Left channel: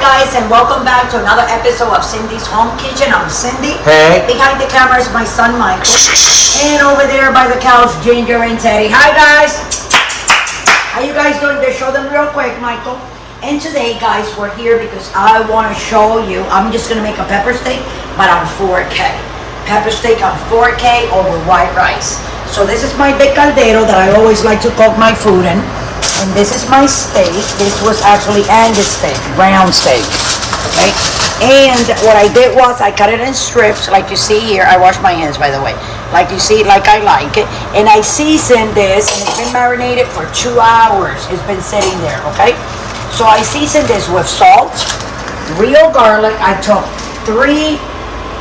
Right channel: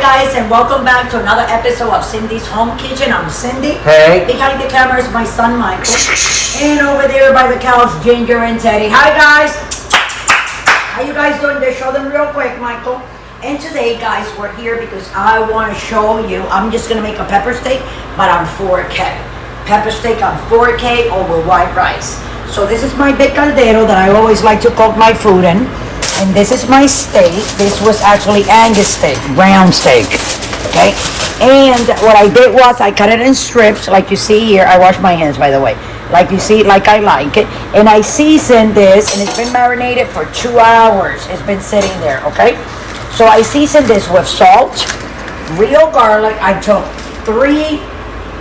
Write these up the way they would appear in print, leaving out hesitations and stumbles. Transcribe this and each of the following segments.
guys, and welcome back to another episode of Cindy's Home Kitchen. I'm Cindy. Hey. Behind the camera is my son Michael. And over there by the couch, Ginger and Teddy. Hi guys. How you guys doing? Just show them real quick, Michael. And today, guys, we're here because I want to show you. I'm just going to make a pepper steak, but on 4K. Pepper steak on 4K over white rice. So this is my big caldero that I always like to cook my food in. And this is my steak. This was actually Angus steak, brown steak, okay? And what I did was I cut it in strips, like you see here. I wash my hands, by the way. Like you see, like I like it. And I seasoned this, and it's been marinated for 2 hours. It's been sitting there, okay? So I seasoned this with salt, real garlic. I took 3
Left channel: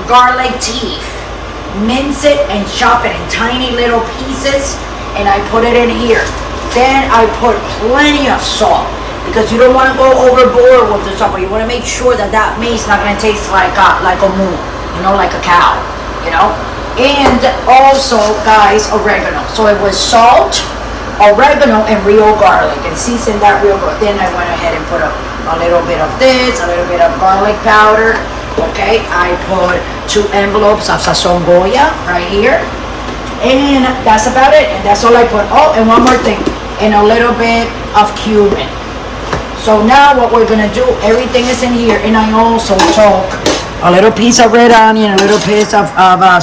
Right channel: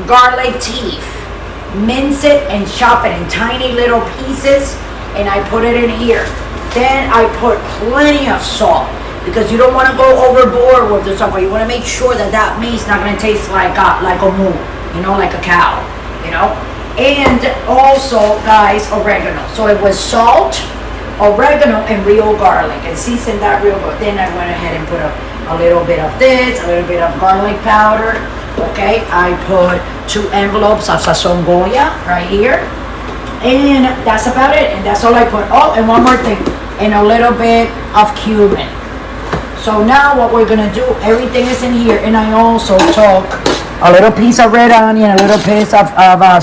garlic teeth, mince it and chop it in tiny little pieces, and I put it in here. Then I put plenty of salt because you don't want to go overboard with the salt, but you want to make sure that that meat's not going to taste like a moo, you know, like a cow, you know. And also, guys, oregano. So it was salt, oregano, and real garlic, and seasoned that real good. Then I went ahead and put a little bit of this, a little bit of garlic powder. Okay, I put 2 envelopes of Sazon Goya right here. And that's about it, and that's all I put. Oh, and one more thing, and a little bit of cumin. So now what we're gonna do, everything is in here, and I also took a little piece of red onion, a little piece of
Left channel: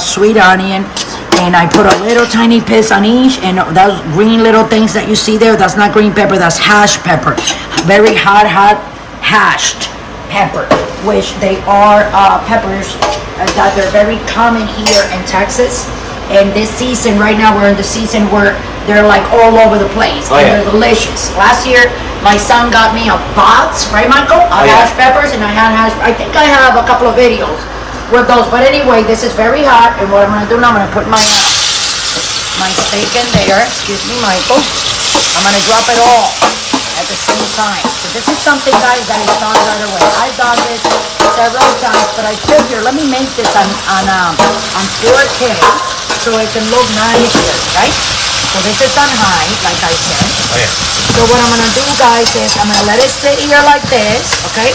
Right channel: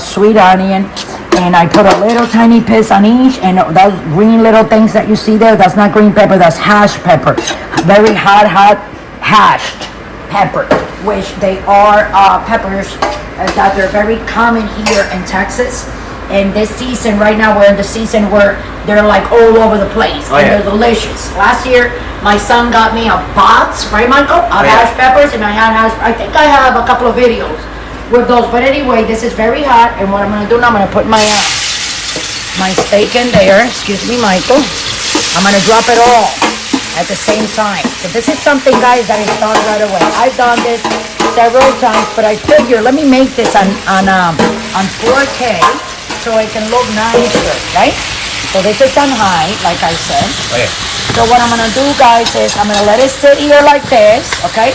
sweet onion, and I put a little tiny piece on each, and those green little things that you see there, that's not green pepper, that's hash pepper. Very hot hashed pepper, which they are peppers that they're very common here in Texas. And this season, right now, we're in the season where they're like all over the place. And they're delicious. Last year, my son got me a box, right, Michael? Of hash peppers, and I think I have a couple of videos with those. But anyway, this is very hot, and what I'm gonna do now, I'm gonna put my steak in there. Excuse me, Michael. I'm gonna drop it all at the same time. So this is something, guys, that I thought right away. I've done this several times, but I figure let me make this on 4K. So it can look nice, right? So this is on high, like I said. Oh, yeah. So what I'm gonna do, guys, is I'm gonna let it sit here like this, okay?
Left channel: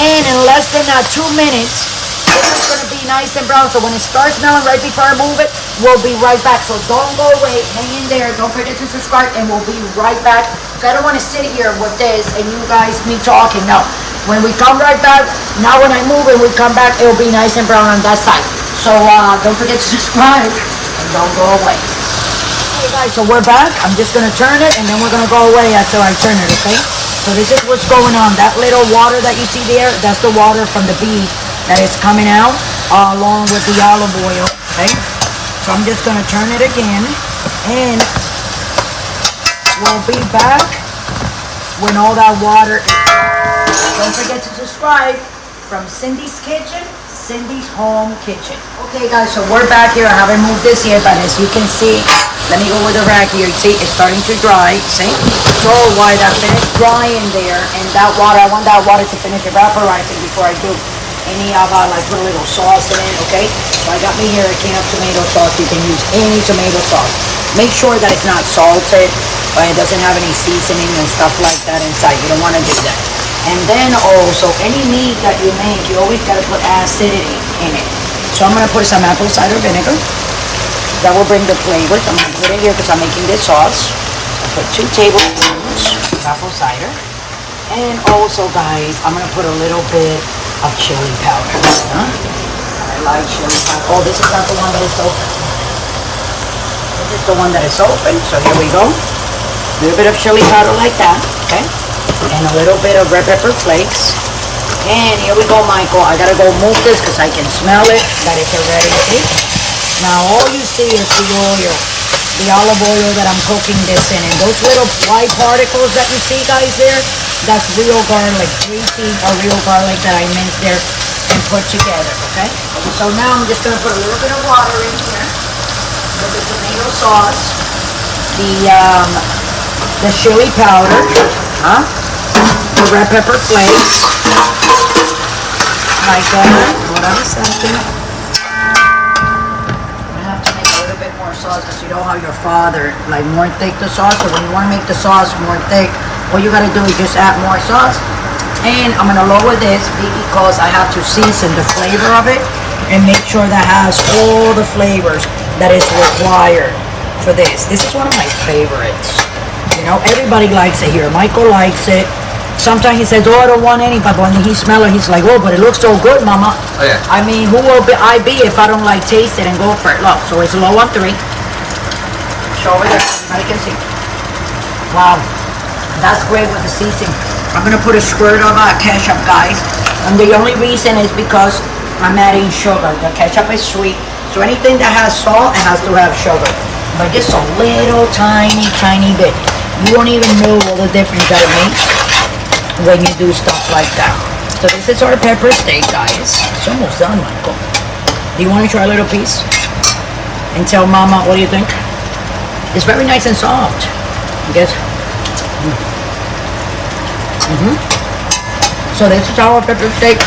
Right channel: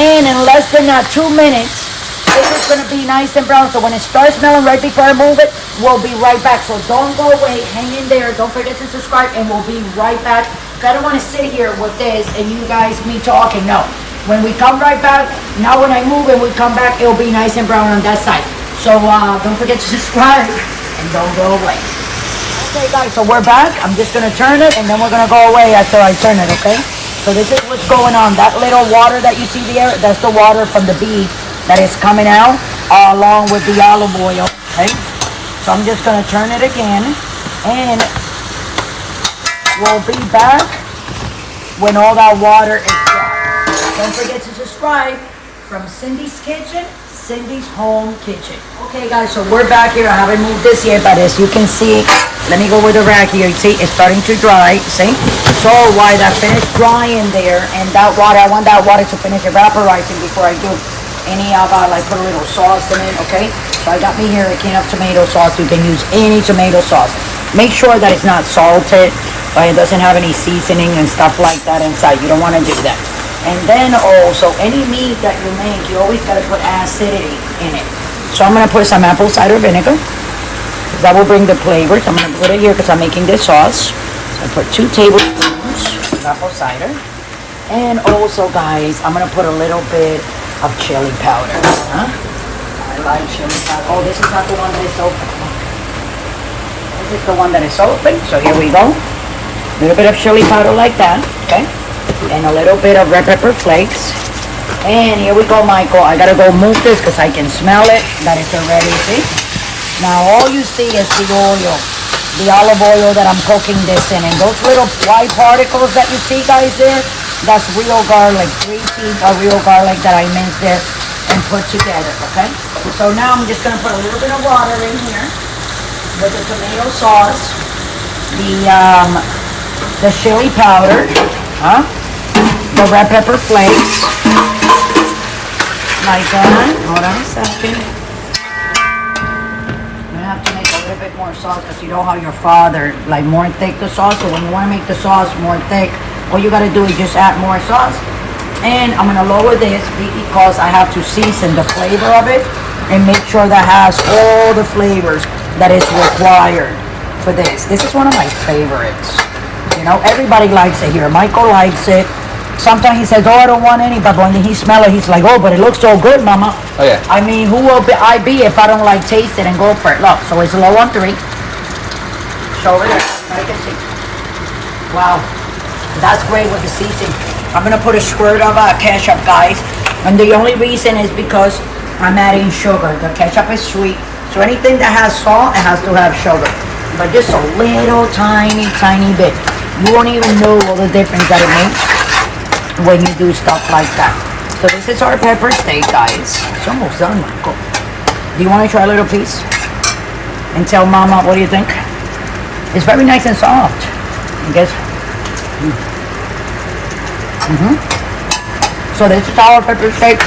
And in less than 2 minutes, this is gonna be nice and brown. So when it starts smelling right before I move it, we'll be right back. So don't go away, hang in there. Don't forget to subscribe, and we'll be right back. I don't want to sit here with this and you guys me talking. No. When we come right back, now when I move it, we come back, it'll be nice and brown on that side. So don't forget to subscribe and don't go away. Okay, guys, so we're back. I'm just going to turn it, and then we're going to go away after I turn it, okay? So this is what's going on. That little water that you see there, that's the water from the beef that is coming out along with the olive oil, okay? So I'm just going to turn it again, and we'll be back when all that water is gone. Don't forget to subscribe from Cindy's Kitchen. Cindy's Home Kitchen. Okay, guys, so we're back here. I haven't moved this yet, but as you can see, let me go with the rack here. You see, it's starting to dry. See? So while that finished drying there, and that water, I want that water to finish evaporating before I do any of like put a little sauce in it. Okay? So I got me here a can of tomato sauce. You can use any tomato sauce. Make sure that it's not salted, but it doesn't have any seasoning and stuff like that inside. You don't want to do that. And then also, any meat that you make, you always got to put acidity in it. So I'm going to put some apple cider vinegar. That will bring the flavor. So I'm going to put it here because I'm making this sauce. I'll put 2 tablespoons of apple cider. And also, guys, I'm going to put a little bit of chili powder. Huh? I like chili powder. Oh, this is not the one that is open. This is the one that is open. So here we go. A little bit of chili powder like that. Okay? And a little bit of red pepper flakes. And here we go, Michael. I gotta go move this because I can smell it that it's already cooked. Now all you see is the oil, the olive oil that I'm cooking this in. And those little white particles that you see, guys, there, that's real garlic. 3 feet of real garlic that I minced there and put together, okay? So now I'm just gonna put a little bit of water in here with the tomato sauce, the chili powder, the red pepper flakes, like that. Hold on a second. I'm gonna have to make a little bit more sauce because you know how your father like more thick the sauce. So when you want to make the sauce more thick, all you gotta do is just add more sauce. And I'm gonna lower this because I have to season the flavor of it and make sure that has all the flavors that is required for this. This is one of my favorites. You know, everybody likes it here. Michael likes it. Sometimes he says, oh, I don't want any, but when he smells it, he's like, oh, but it looks so good, mama. Oh, yeah. I mean, who will I be if I don't like taste it and go for it? Look, so it's low on 3. Show over there, everybody can see. Wow, that's great with the seasoning. I'm gonna put a squirt of ketchup, guys. And the only reason is because I'm adding sugar. The ketchup is sweet, so anything that has salt, it has to have sugar. But just a little tiny bit. You won't even know all the difference that it makes when you do stuff like that. So this is our pepper steak, guys. It's almost done, Michael. Do you want to try a little piece? And tell Mama, what do you think? It's very nice and soft. I guess. So this is our pepper steak.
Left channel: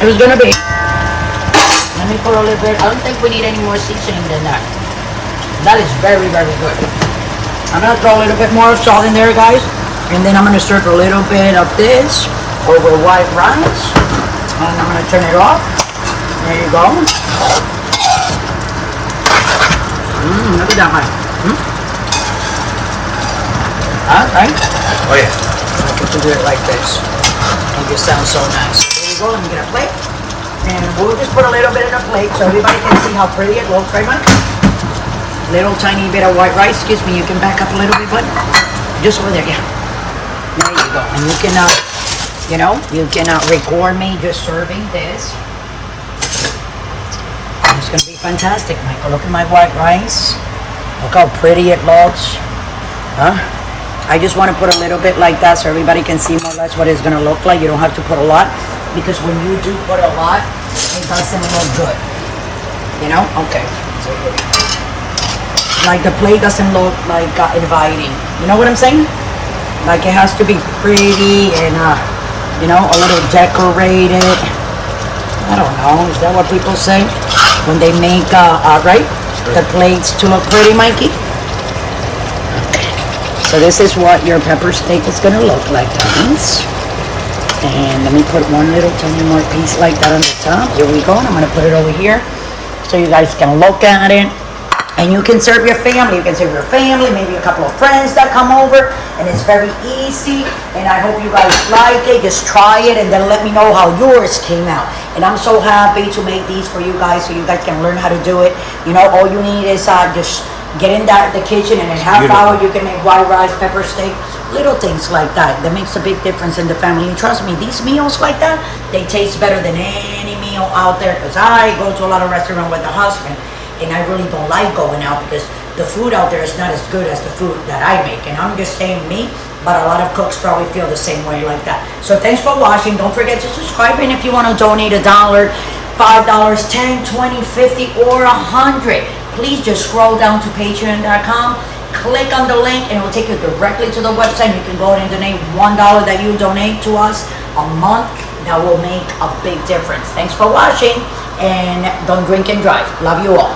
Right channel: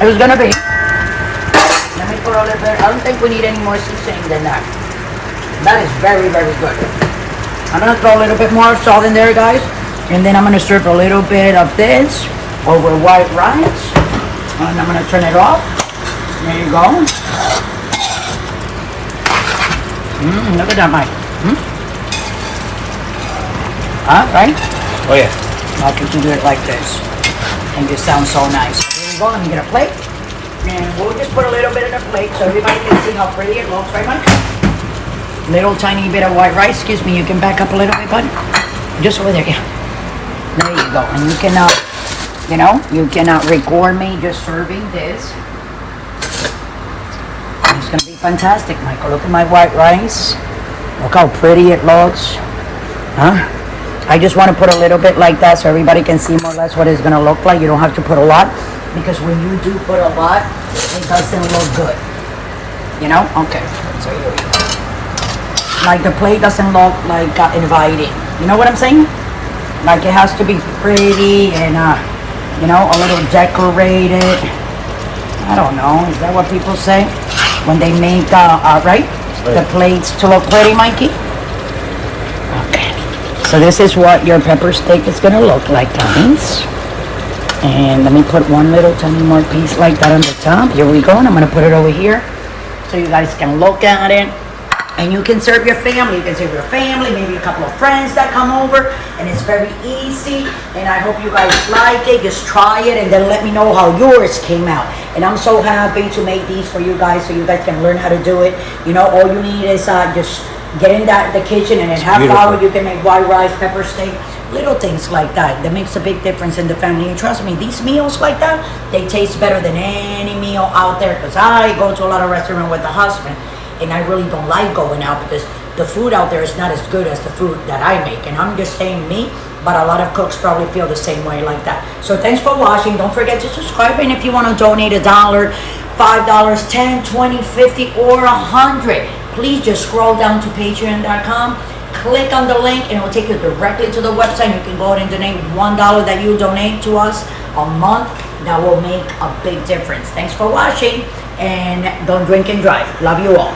It was gonna be. Let me put a little bit. I don't think we need any more seasoning than that. That is very good. I'm gonna throw a little bit more salt in there, guys. And then I'm gonna stir a little bit of this over white rice. And I'm gonna turn it off. There you go. Look at that, Mike. Right? Oh, yeah. I have to do it like this. And this sounds so nice. Here you go. I'm gonna plate. And we'll just put a little bit of the plate so everybody can see how pretty it looks, right, Mike? Little tiny bit of white rice. Excuse me, you can back up a little bit, buddy. Just over there, yeah. There you go. And you cannot, you cannot record me just serving this. It's gonna be fantastic, Michael. Look at my white rice. Look how pretty it looks. Huh? I just want to put a little bit like that so everybody can see more or less what it's gonna look like. You don't have to put a lot because when you do put a lot, it doesn't look good. You know? Okay. So here we go. Like the plate doesn't look like inviting. You know what I'm saying? Like it has to be pretty and a little decorated. I don't know. Is that what people say when they make right? The plates to look pretty, Mikey? Okay. So this is what your pepper steak is gonna look like, guys. And let me put one little tiny more piece like that on the top. Here we go. And I'm gonna put it over here so you guys can look at it. And you can serve your family. You can serve your family, maybe a couple of friends that come over. And it's very easy. And I hope you guys like it. Just try it and then let me know how yours came out. And I'm so happy to make these for you guys so you guys can learn how to do it. You know, all you need is just get in the kitchen and in half hour you can make white rice, pepper steak, little things like that. That makes a big difference in the family. And trust me, these meals like that, they taste better than any meal out there. Because I go to a lot of restaurants with the husband. And I really don't like going out because the food out there is not as good as the food that I make. And I'm just saying me, but a lot of cooks probably feel the same way like that. So thanks for watching. Don't forget to subscribe. And if you want to donate $1, $5, $10, $20, $50, or $100, please just scroll down to patreon.com. Click on the link and it will take you directly to the website. You can go ahead and donate $1 that you donate to us a month. That will make a big difference. Thanks for watching. And don't drink and drive. Love you all.